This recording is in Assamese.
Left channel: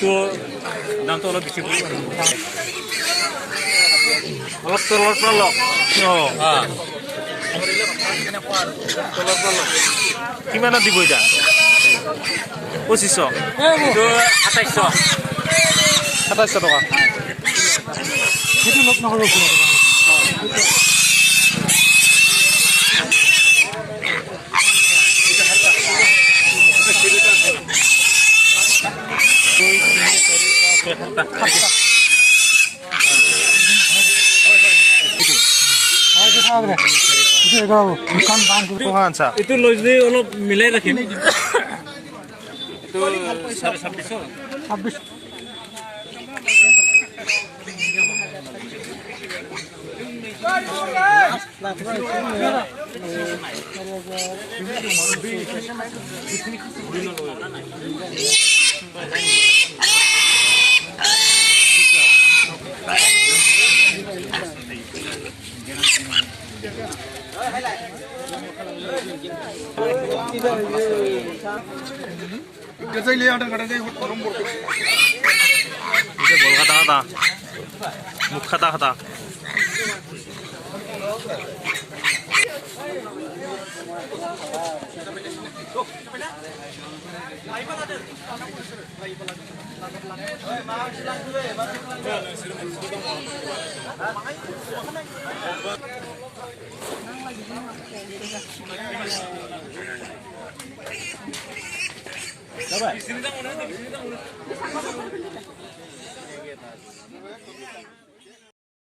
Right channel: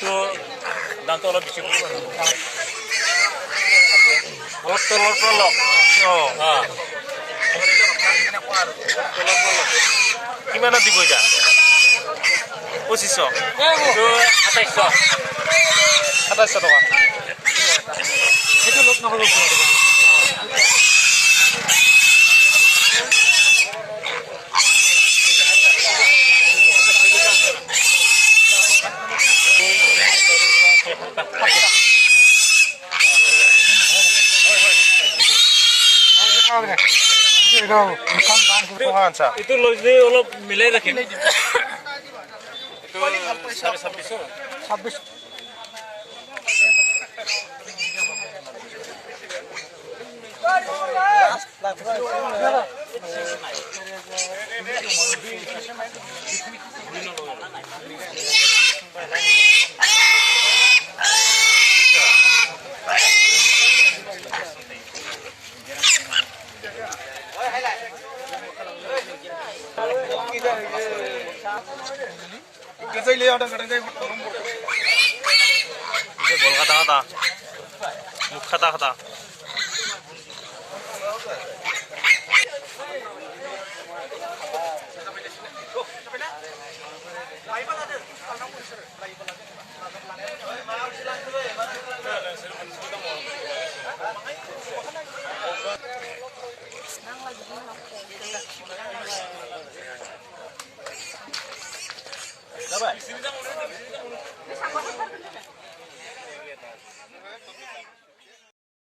তো দামটো অলপ বেছি পৰিব আৰু অলপ তলৰ পৰা লওক কিমানত দিব এতিয়া 2500 2700 টকা সেইটো লগ নহ'ব এইটো লৈ যদি অলপ মিলাই ৰাখিম বল খাতা খাতা মুখ খাতা খাতা